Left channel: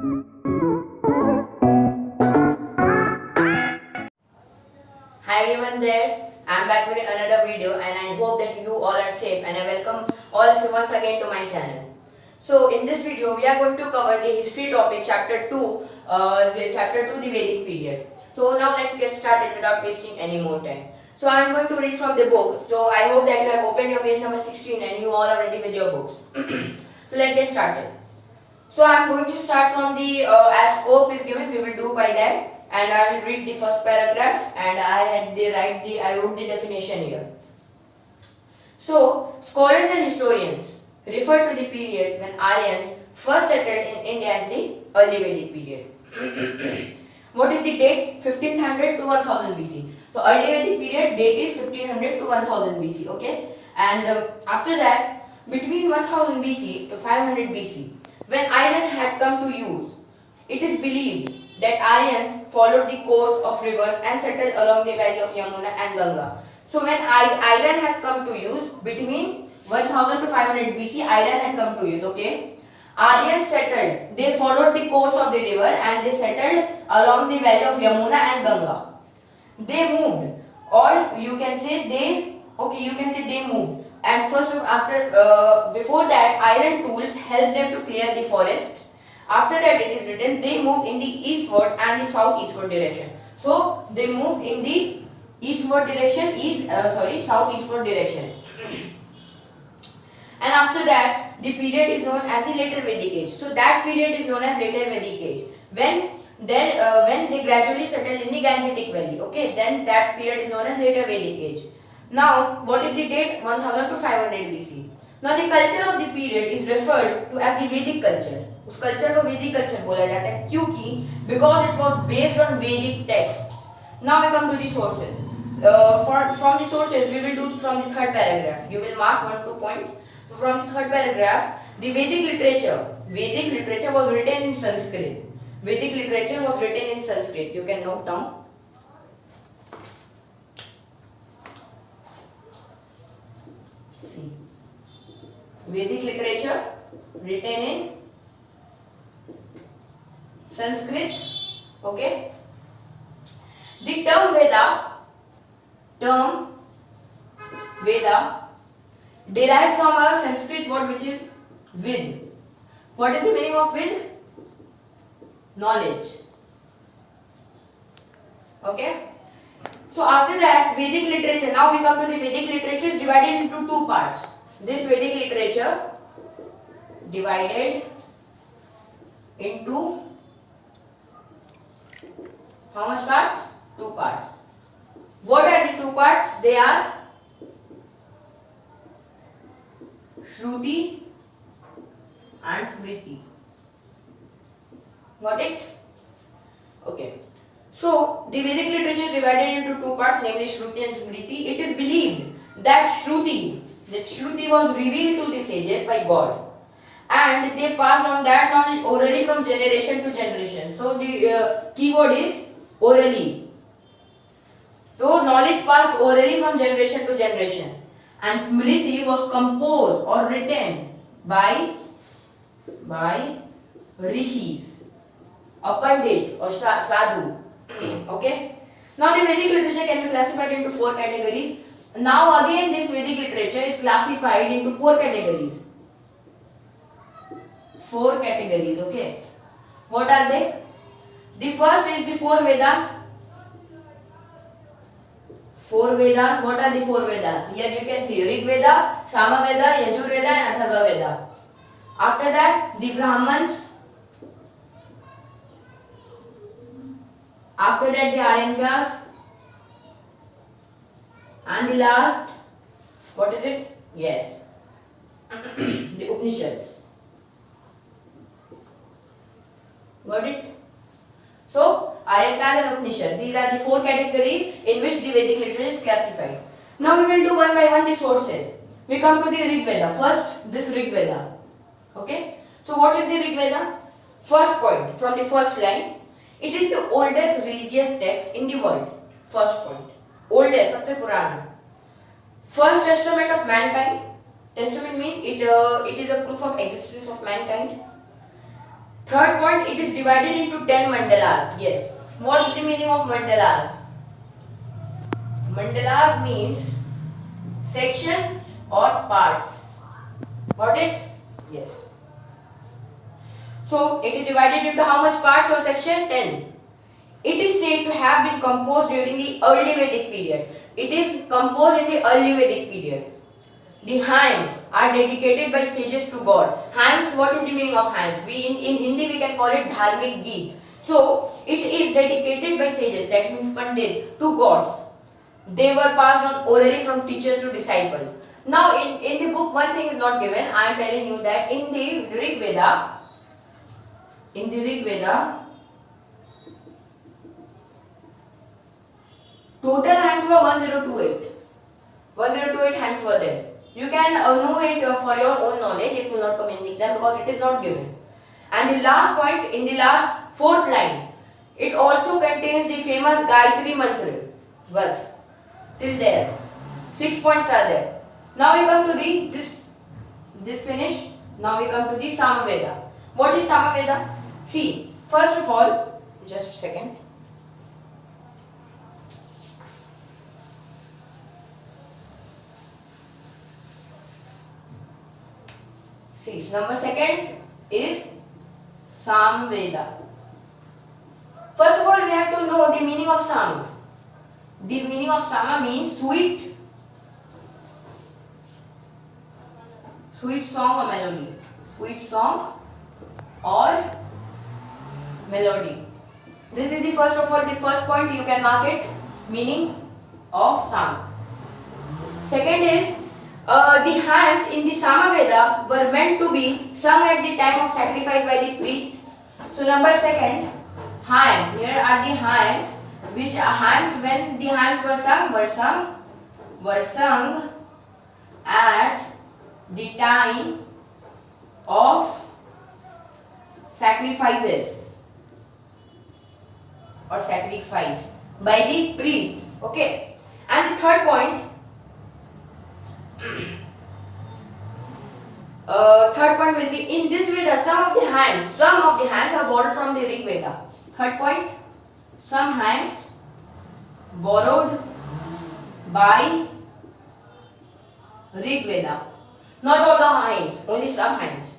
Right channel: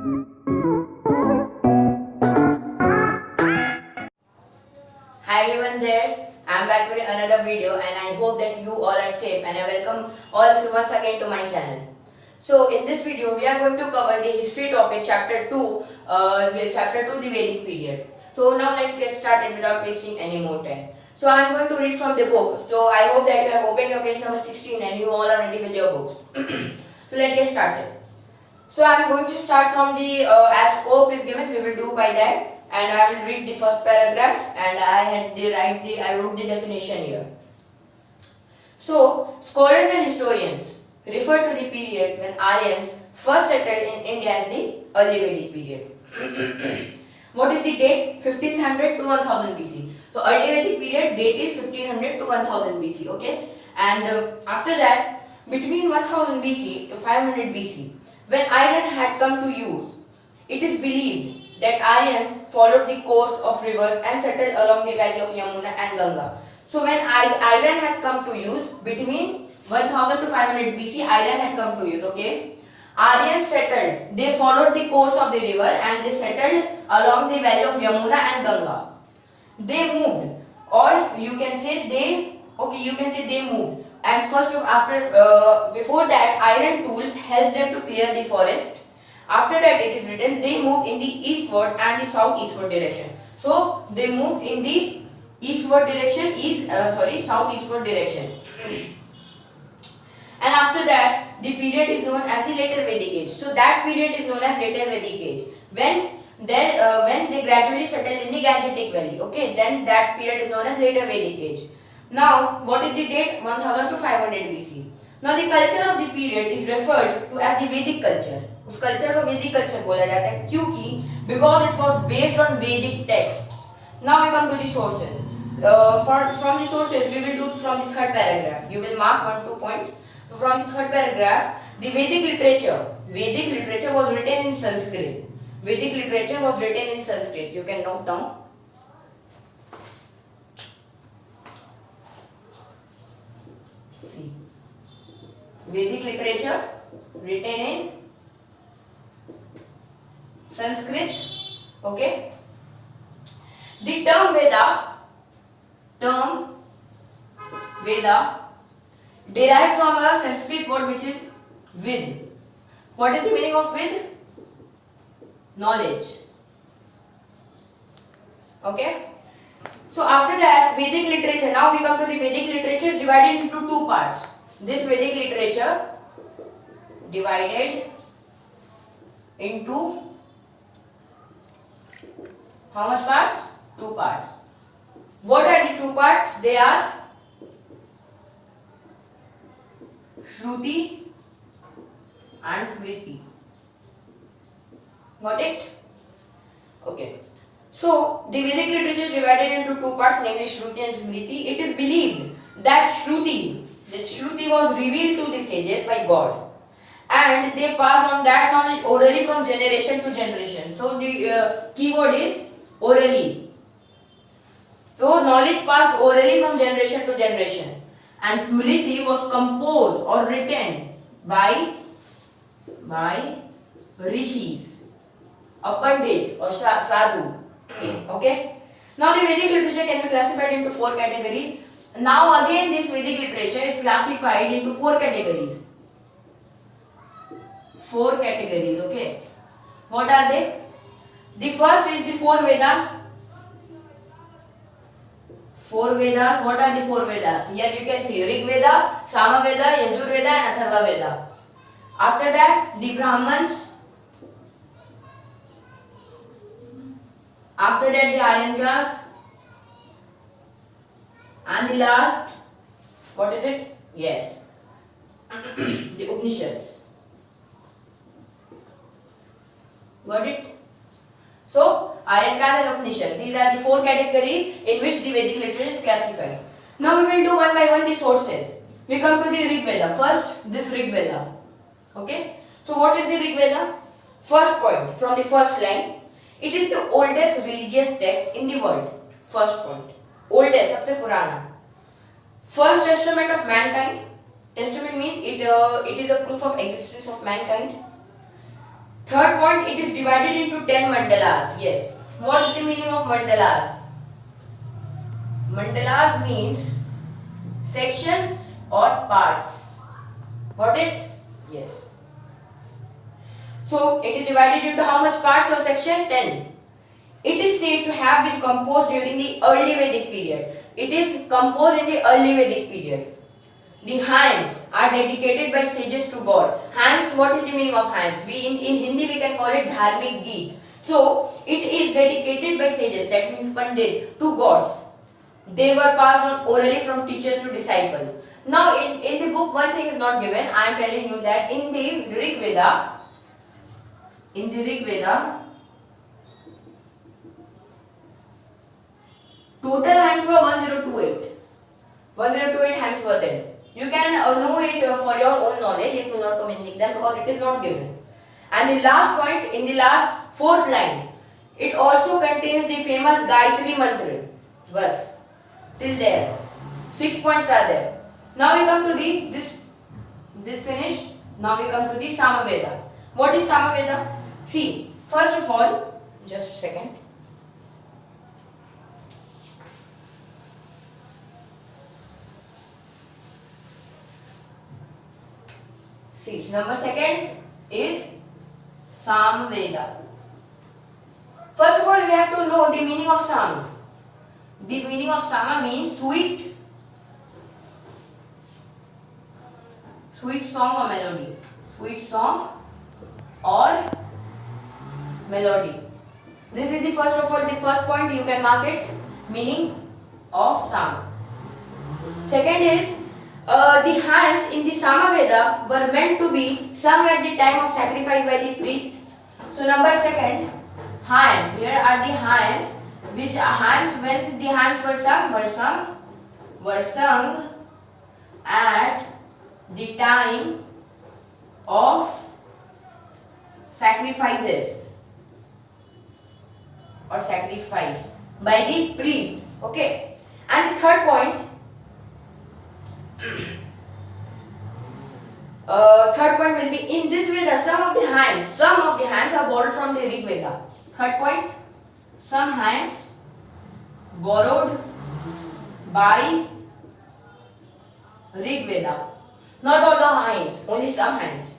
Hi everyone there, I'm back with another video and I hope that you all are safe and I welcome all of you once again to my channel. So in this video we are going to cover the history topic chapter 2, the Vedic period. So now let's get started without wasting any more time. So I am going to read from the book. So I hope that you have opened your page number 16 and you all are ready with your books. So let's get started. So I am going to start from the as scope is given, we will do by that. And I will read the first paragraph and I wrote the definition here. So scholars and historians refer to the period when Aryans first settled in India as the early Vedic period. What is the date? 1500 to 1000 BC. So early Vedic period date is 1500 to 1000 BC. Okay, and after that between 1000 BC to 500 BC, when iron had come to use, it is believed that Aryans followed the course of rivers and settled along the valley of Yamuna and Ganga. So when iron had come to use, between 1000 to 500 BC, iron had come to use, okay. Aryans settled, they followed the course of the river and they settled along the valley of Yamuna and Ganga. They moved, or you can say they moved. And first before that, iron tools helped them to clear the forest. After that, it is written they moved in the eastward and the southeastward direction. So they moved in the eastward direction, southeastward direction. And after that, the period is known as the later Vedic age. So that period is known as later Vedic age. When they gradually settled in the Gangetic Valley, okay, then that period is known as later Vedic age. Now, what is the date? 1000 to 500 BC. Now, the culture of the period is referred to as the Vedic culture. उस culture को Vedic culture बोला जाता है क्योंकि because it was based on Vedic text. Now we come to the sources. From the sources we will do from the third paragraph. You will mark 1-2 point. So from the third paragraph, the Vedic literature was written in Sanskrit. Vedic literature was written in Sanskrit. You can note down. See, Vedic literature written in Sanskrit, okay. The term Veda derived from a Sanskrit word which is Vid. What is the meaning of Vid? Knowledge. Okay. So after that, Vedic literature. Now we come to the Vedic literature divided into two parts. This Vedic literature divided into how much parts? 2 parts. What are the 2 parts? They are Shruti and Smriti. Got it? Okay. So the Vedic literature is divided into 2 parts, namely Shruti and Smriti. It is believed that Shruti was revealed to the sages by God, and they passed on that knowledge orally from generation to generation. So the keyword is orally. So knowledge passed orally from generation to generation. And Smriti was composed or written by rishis, or pandits, or sadhu. Okay. Now the Vedic literature can be classified into 4 categories. Now again this Vedic literature is classified into 4 categories. 4 categories, okay. What are they? The first is the 4 Vedas. 4 Vedas. What are the 4 Vedas? Here you can see Rig Veda, Sama Veda, Yajur Veda and Atharva Veda. After that, the Brahmans. After that, the Aryanyas. And the last, what is it? Yes, the Upanishads. Got it? So, Aryanyas and Upanishads, these are the 4 categories in which the Vedic literature is classified. Now we will do one by one the sources. We come to the Rig Veda. First, this Rig Veda. Okay? So what is the Rig Veda? First point, from the first line, it is the oldest religious text in the world. First point. Oldest, सबसे पुराना. First testament of mankind. Testament means it is a proof of existence of mankind. Third point, it is divided into 10 mandalas. Yes. What is the meaning of mandalas? Mandalas means sections or parts. Got it? Yes. So it is divided into how much parts or section? 10. It is said to have been composed during the early Vedic period. It is composed in the early Vedic period. The hymns are dedicated by sages to God. Hymns, what is the meaning of hymns? In Hindi we can call it dharmic geet. So it is dedicated by sages, that means Pandit, to gods. They were passed on orally from teachers to disciples. Now in the book one thing is not given. I am telling you that in the Rig Veda, total hymns were 1028. 1028 hymns were there. You can know it for your own knowledge. It will not come in the exam because it is not given. And the last point, in the last fourth line, it also contains the famous Gayatri Mantra verse. Till there, 6 points are there. Now we come to the this finished. Now we come to the Samaveda. What is Samaveda? See, first of all, just a second. See, number second is Samveda. First of all, we have to know the meaning of Sam. The meaning of Sama means sweet song or melody. Sweet song or melody. This is the first of all, the first point you can mark it, meaning of Sama. Second is the hymns in the Samaveda were meant to be sung at the time of sacrifice by the priest. So number second, hymns. Here are the hymns. Which are hymns? When the hymns were sung at the time of sacrifices or sacrifice by the priest. Okay. And the third point. Third point will be in this Veda. Some of the hymns are borrowed from the Rig Veda. Third point, some hymns borrowed by Rig Veda. Not all the hymns, only some hymns.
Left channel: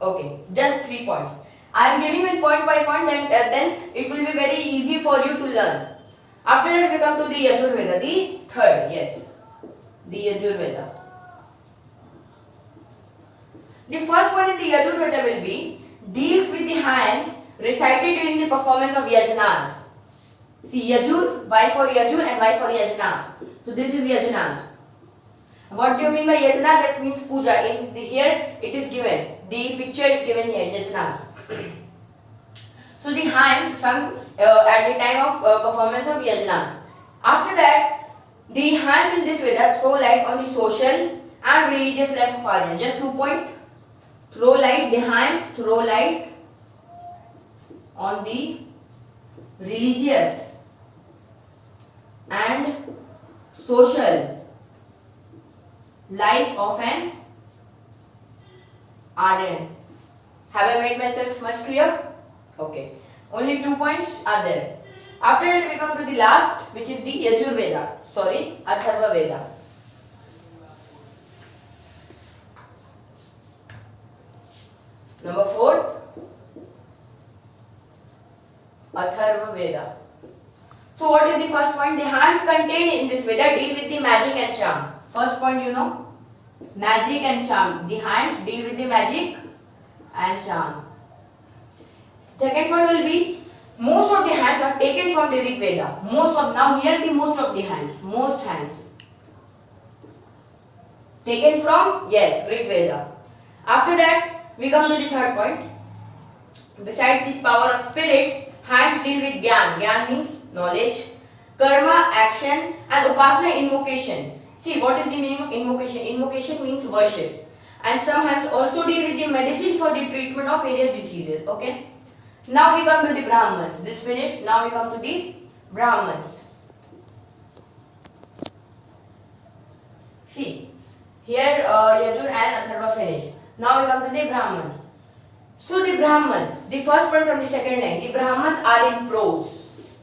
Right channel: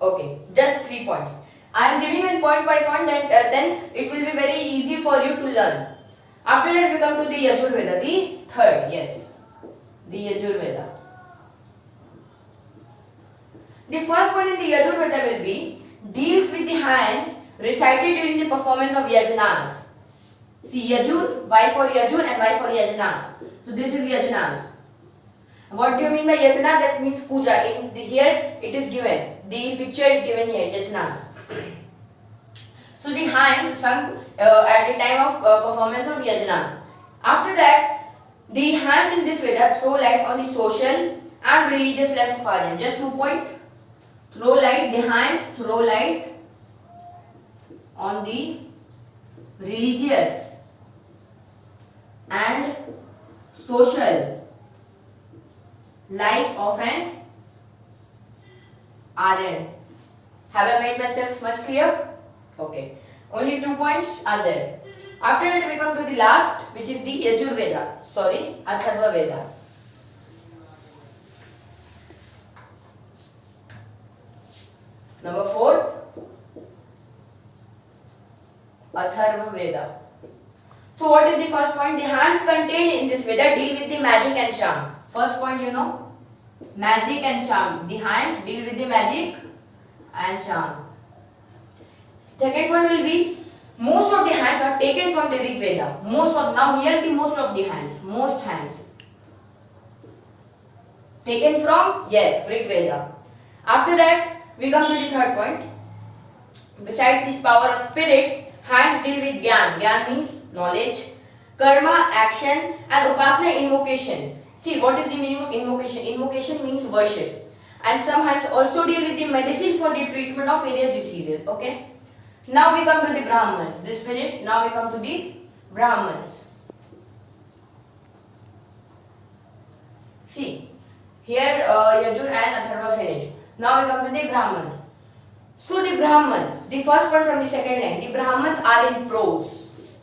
Okay, just 3 points. I am giving you point by point, and then it will be very easy for you to learn. After that, we come to the Yajur Veda, the third. Yes, the Yajur Veda. The first one in the Yajur Veda will be deals with the hymns recited during the performance of yajnas. See, Yajur, Y for Yajur and Y for yajnas. So this is yajnas. What do you mean by yajna? That means puja. Here it is given. The picture is given here, yajnas. So the hymns sung at the time of performance of yajnas. After that, the hymns in this Veda throw light on the social and religious life of Aryans. Just 2 points. Throw light, the hymns throw light on the religious and social life of an Aryan. Have I made myself much clear? Okay. Only 2 points are there. After that we come to the last, which is the Yajur Veda. Sorry, Atharva Veda. Number 4th, Atharva Veda. So what is the first point? The hymns contained in this Veda deal with the magic and charm. First point, you know, magic and charm. The hymns deal with the magic and charm. Second one will be most of the hymns are taken from the Rig Veda. Most of the hymns taken from, yes, Rig Veda. After that, we come to the third point. Besides the power of spirits, hymns deal with Gyan. Gyan means knowledge, karma, action, and upasana, invocation. See, what is the meaning of invocation? Invocation means worship. And some hymns also deal with the medicine for the treatment of various diseases. Okay. Now we come to the Brahmans. This finished. Now we come to the Brahmans. See, here Yajur and Atharva finished. Now we come to the Brahmans. So the Brahmans, the first one from the second line, the Brahmans are in prose.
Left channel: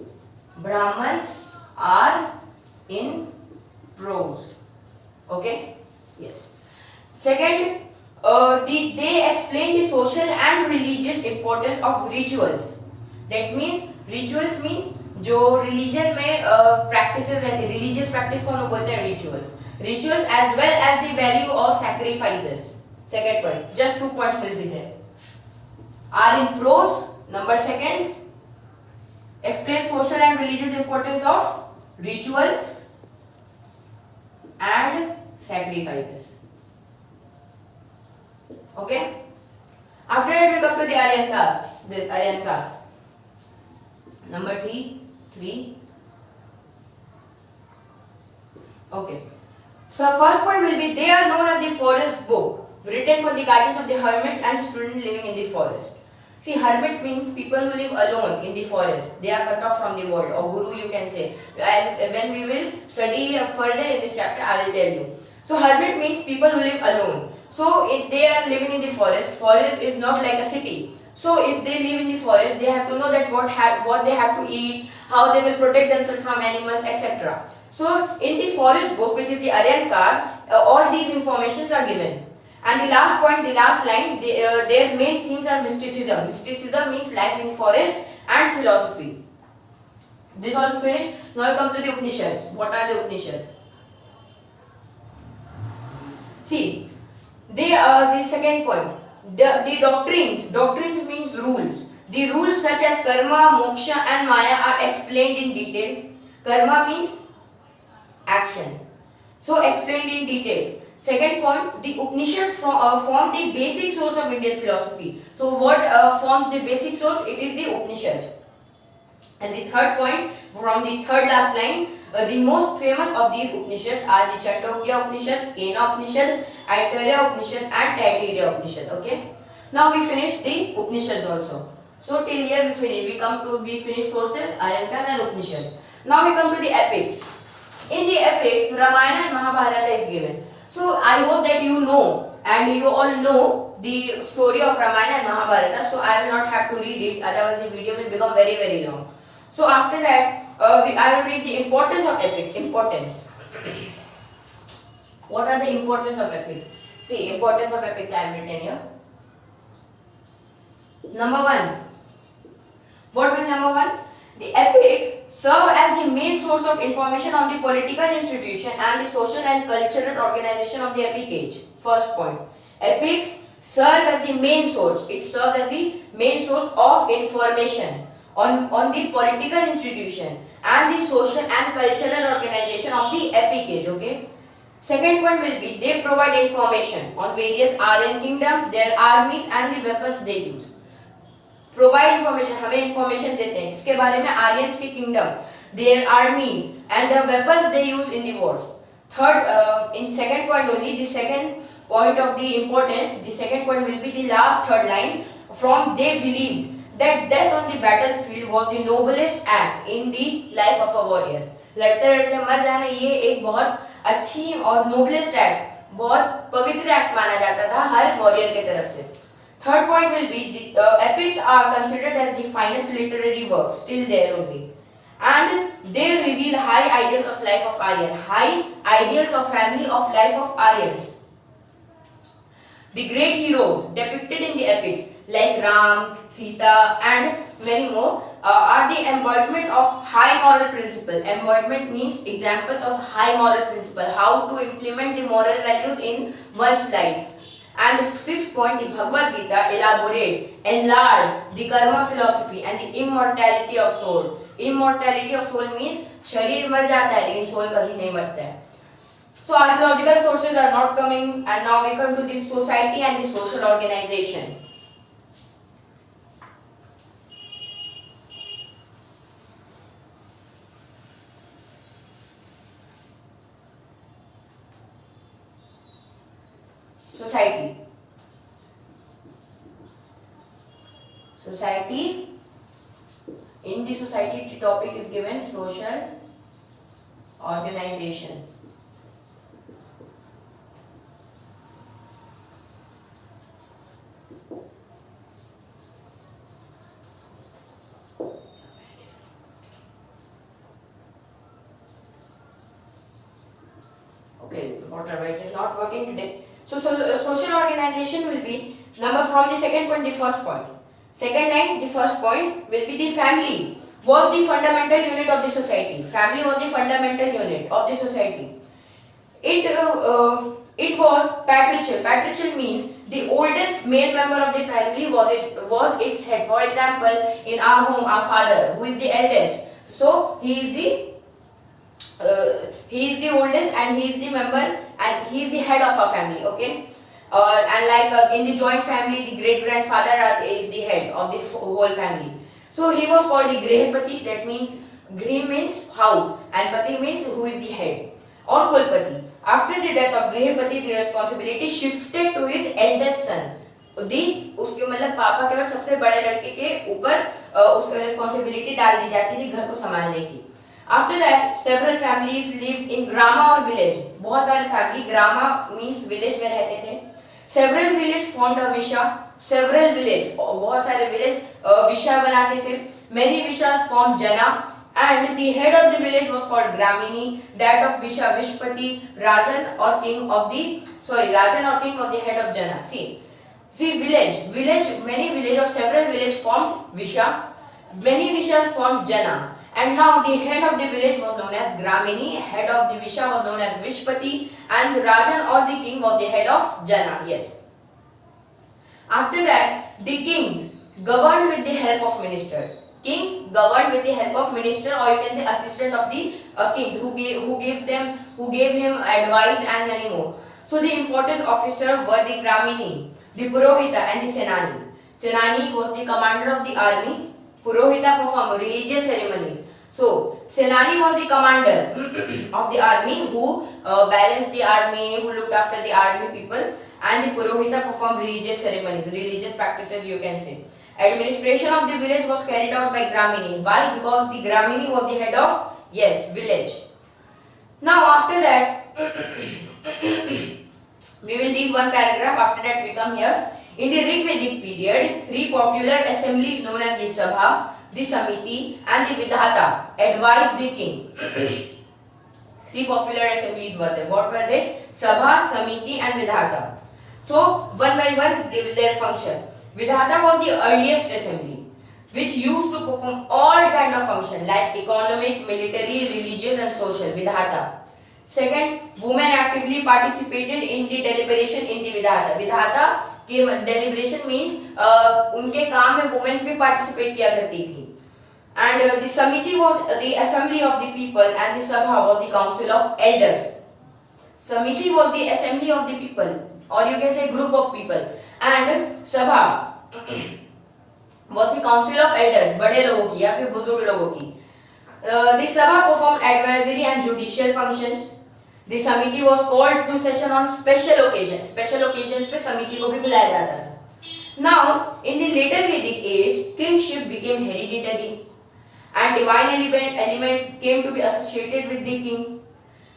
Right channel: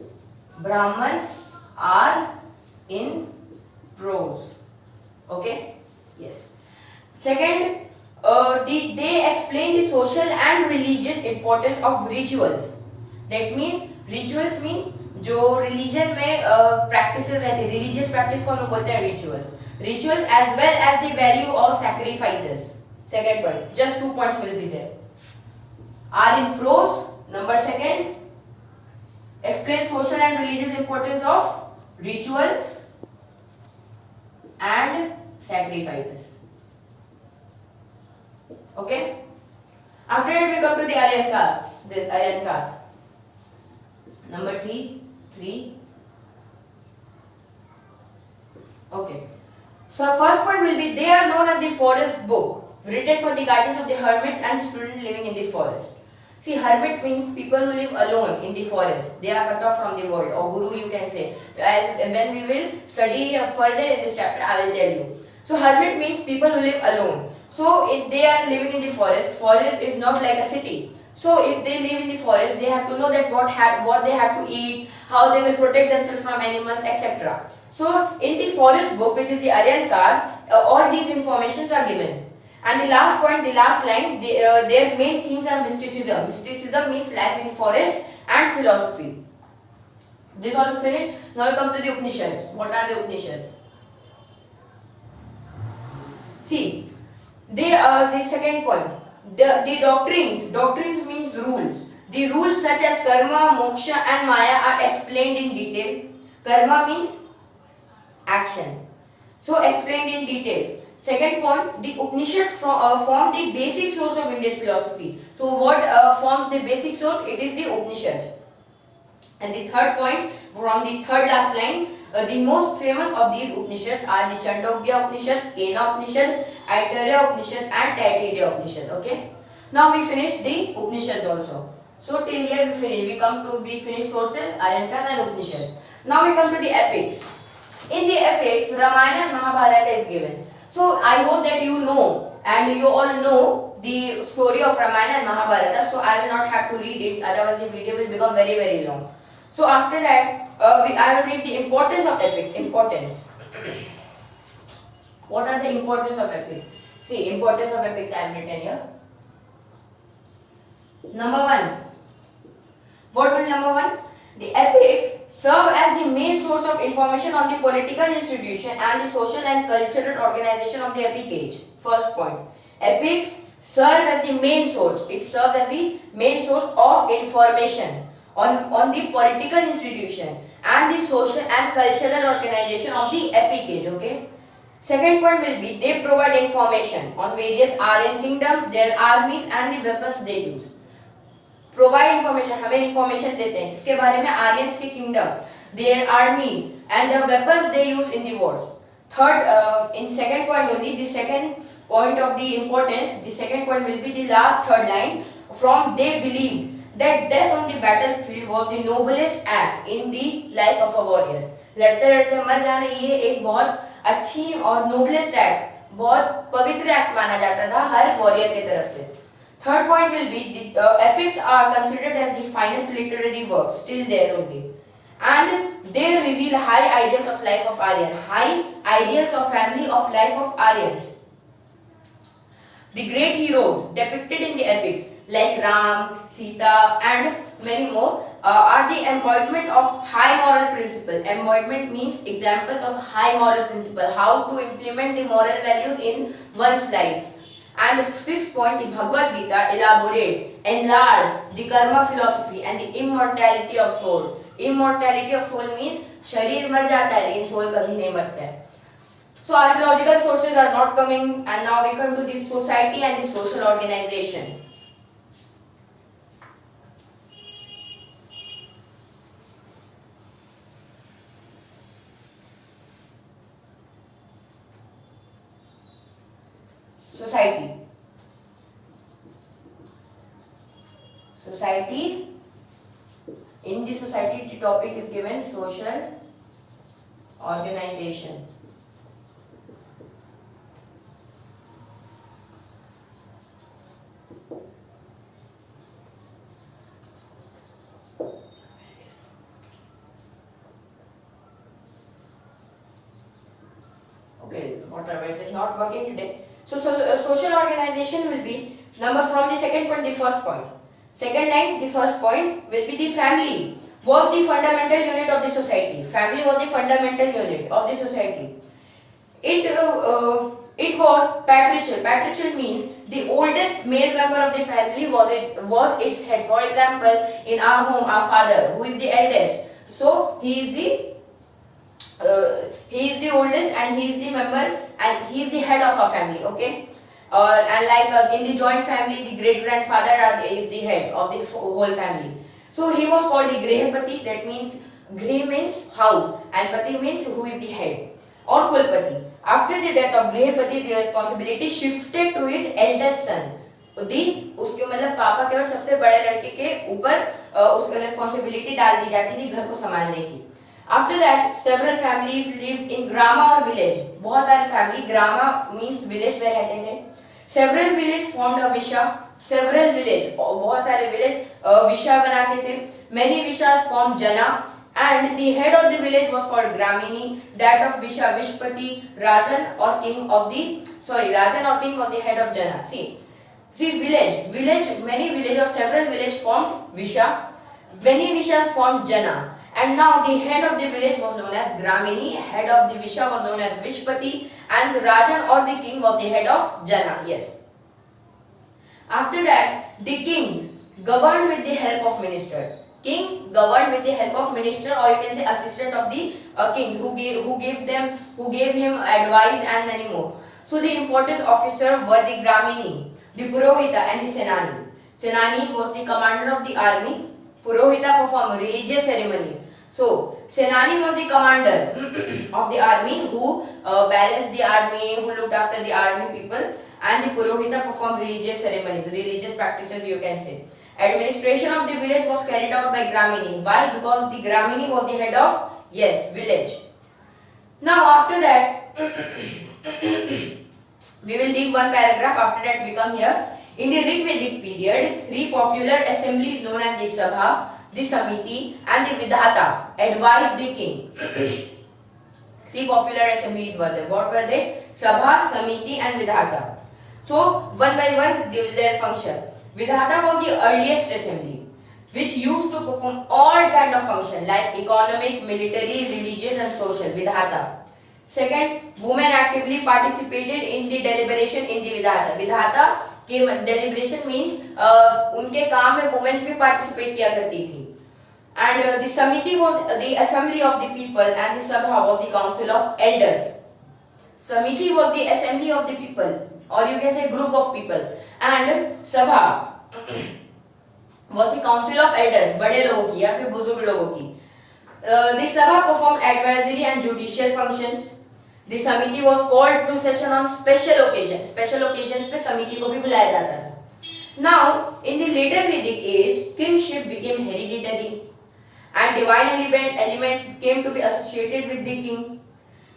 Brahmans are in prose. Okay? Yes. Second, they explain the social and religious importance of rituals. That means rituals means जो religion में practices रहते, religious practice को हम लोग बोलते हैं rituals. Rituals as well as the value of sacrifices. Second point, just 2 points will be there. Are in prose. Number second, explain social and religious importance of rituals and sacrifices. Okay. After that we come to the Aryan caste. This Aryan caste. Number 3. Okay. So first point will be they are known as the forest book, written for the guidance of the hermits and students living in the forest. See, hermit means people who live alone in the forest. They are cut off from the world, or guru you can say. As when we will study further in this chapter, I will tell you. So hermit means people who live alone. So if they are living in the forest, forest is not like a city. So if they live in the forest, they have to know that what they have to eat, how they will protect themselves from animals, etc. So in the forest book, which is the Aryan caste, all these informations are given. And the last point, the last line, their main themes are mysticism. Mysticism means life in forest and philosophy. This all finished. Now we come to the Upanishads. What are the Upanishads? See, they are the second point. The doctrines. Doctrines means rules. The rules such as karma, moksha and maya are explained in detail. Karma means action. So explained in detail. Second point, the Upanishads form the basic source of Indian philosophy. So what forms the basic source? It is the Upanishads. And the third point, from the third last line, the most famous of these Upanishads are the Chandogya Upanishad, Kena Upanishad, Aitareya Upanishad and Taittiriya Upanishad. Okay. Now we finish the Upanishads also. So till here we finish. We finish sources, Aryan caste and Upanishads. Now we come to the epics. In the epics, Ramayana and Mahabharata is given. So I hope that you know and you all know the story of Ramayana and Mahabharata. So I will not have to read it, otherwise the video will become very, very long. So after that, I will read the importance of epics. Importance. What are the importance of epics? See, importance of epics I have written here. Number 1. What will number 1? The epics serve as the main source of information on the political institution and the social and cultural organization of the epic age. First point. Epics serve as the main source. It serves as the main source of information on the political institution and the social and cultural organization of the epic age. Okay. Second point will be they provide information on various Aryan kingdoms, their armies and the weapons they use. Provide information, हमें information देते हैं इसके बारे में Aryans के kingdom, their armies and the weapons they use in the wars. Third, in second point only, the second point of the importance, the second point will be the last third line. From they believe that death on the battlefield was the noblest act in the life of a warrior. लड़ते लड़ते मर जाना ये एक बहुत अच्छी और noblest act, बहुत पवित्र act माना जाता था हर warrior के तरफ से. Third point will be the epics are considered as the finest literary works still there only, and they reveal high ideals of life of Aryan, high ideals of family of life of Aryans. The great heroes depicted in the epics like Ram, Sita and many more are the embodiment of high moral principle. Embodiment means examples of high moral principle, how to implement the moral values in one's life. And the sixth point, the Bhagavad Gita elaborates, enlarge the karma philosophy and the immortality of soul. Immortality of soul means शरीर मर जाता है लेकिन soul कभी नहीं मरता है. So archaeological sources are not coming, and now we come to the society and the social organization. Society. Society. In the society, the topic is given social organization. Okay, whatever, it is not working today. So social organization will be number from the second point, the first point. Second line, the first point will be the family was the fundamental unit of the society. Family was the fundamental unit of the society. It was patriarchal. Patriarchal means the oldest male member of the family was its head. For example, in our home, our father, who is the eldest, so he is the oldest and he is the member and he is the head of our family. Okay. And like in the joint family, the great grandfather is the head of the whole family. So he was called the Grihapati. That means Grih means house and Pati means who is the head, or Kulpati. After the death of Grihapati, the responsibility shifted to his eldest son. उसके मतलब पापा केवल सबसे बड़े लड़के के ऊपर उसकी रिस्पॉन्सिबिलिटी डाल दी जाती थी घर को संभालने की. After that, several families lived in grama or village. बहुत सारे फैमिली grama means village में रहते थे. Several village formed a visha. Several village, बहुत सारे village visha बनाते थे. Many vishas formed jana. And the head of the village was called Gramini, that of Visha, Vishpati, Rajan or king of the head of Jana. See village, many village or several village formed Visha, many Vishas formed Jana. And now the head of the village was known as Gramini, head of the Visha was known as Vishpati, and Rajan or the king was the head of Jana. Yes. After that, the kings governed with the help of minister. Kings governed with the help of minister, or you can say assistant of the king, who gave him advice and many more. So the important officers were the Gramini, the Purohita and the Senani. Senani was the commander of the army. Purohita performed religious ceremonies. So Senani was the commander of the army who balanced the army, who looked after the army people, and the Purohita performed religious ceremonies, religious practices you can say. Administration of the village was carried out by Gramini. Why? Because the Gramini was the head of, yes, village. Now after that, we will leave one paragraph. After that we come here. In the Rigvedic period, 3 popular assemblies known as the Sabha, the Samiti and the Vidhata advised the king. 3 popular assemblies were there. What were they? Sabha, Samiti and Vidhata. So one by one they will their function. Vidhata was the earliest assembly, which used to perform all kind of functions like economic, military, religious and social. Vidhata. Second, women actively participated in the deliberation in the Vidhata. Vidhata के deliberation means उनके काम में women भी participate किया करती थी. And the Samiti was the assembly of the people and the Sabha was the council of elders. Samiti was the assembly of the people, or you can say group of people, and Sabha was the council of elders, बड़े लोगों की या फिर बुजुर्ग लोगों की. The Sabha performed advisory and judicial functions. The Samiti was called to session on special occasions. Special occasions पे Samiti को भी बुलाया जाता था. Now, in the later Vedic age, kingship became hereditary, and divine elements came to be associated with the king.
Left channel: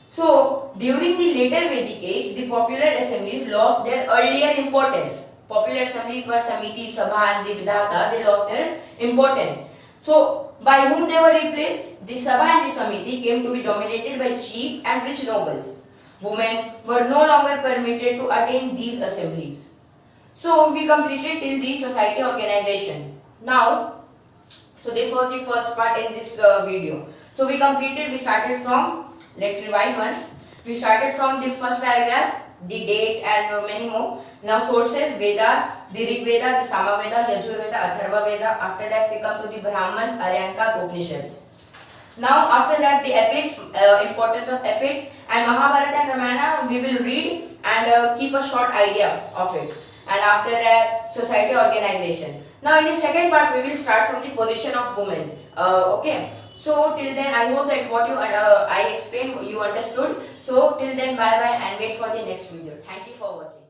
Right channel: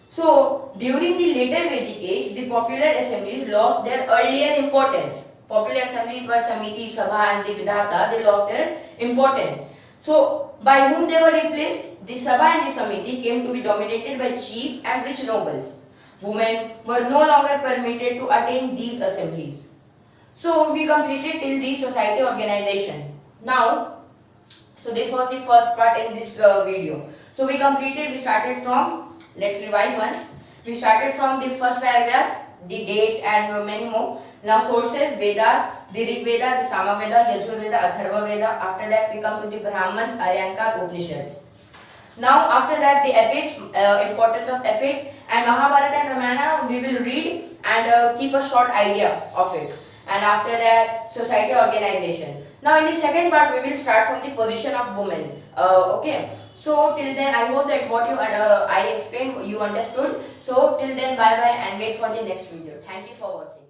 So, during the later Vedic age, the popular assemblies lost their earlier importance. Popular assemblies were Samiti, Sabha and the Vidhata. They lost their importance. So, by whom they were replaced? The Sabha and the Samiti came to be dominated by chief and rich nobles. Women were no longer permitted to attend these assemblies. So, we completed till the society organization. Now, so this was the first part in this video. So, we started from, let's revise once. We started from the first paragraph, the date and many more. Now sources, Vedas, the Rig Veda, the Sama Veda, Yajur Veda, Atharva Veda. After that we come to the Brahman, Aryanka, Upanishads. Now after that the epics, importance of epics, and Mahabharata and Ramayana we will read and keep a short idea of it. And after that society organization. Now in the second part we will start from the position of women. Okay. So till then I hope that what I explained you understood. So till then bye bye and wait for the next video. Thank you for watching.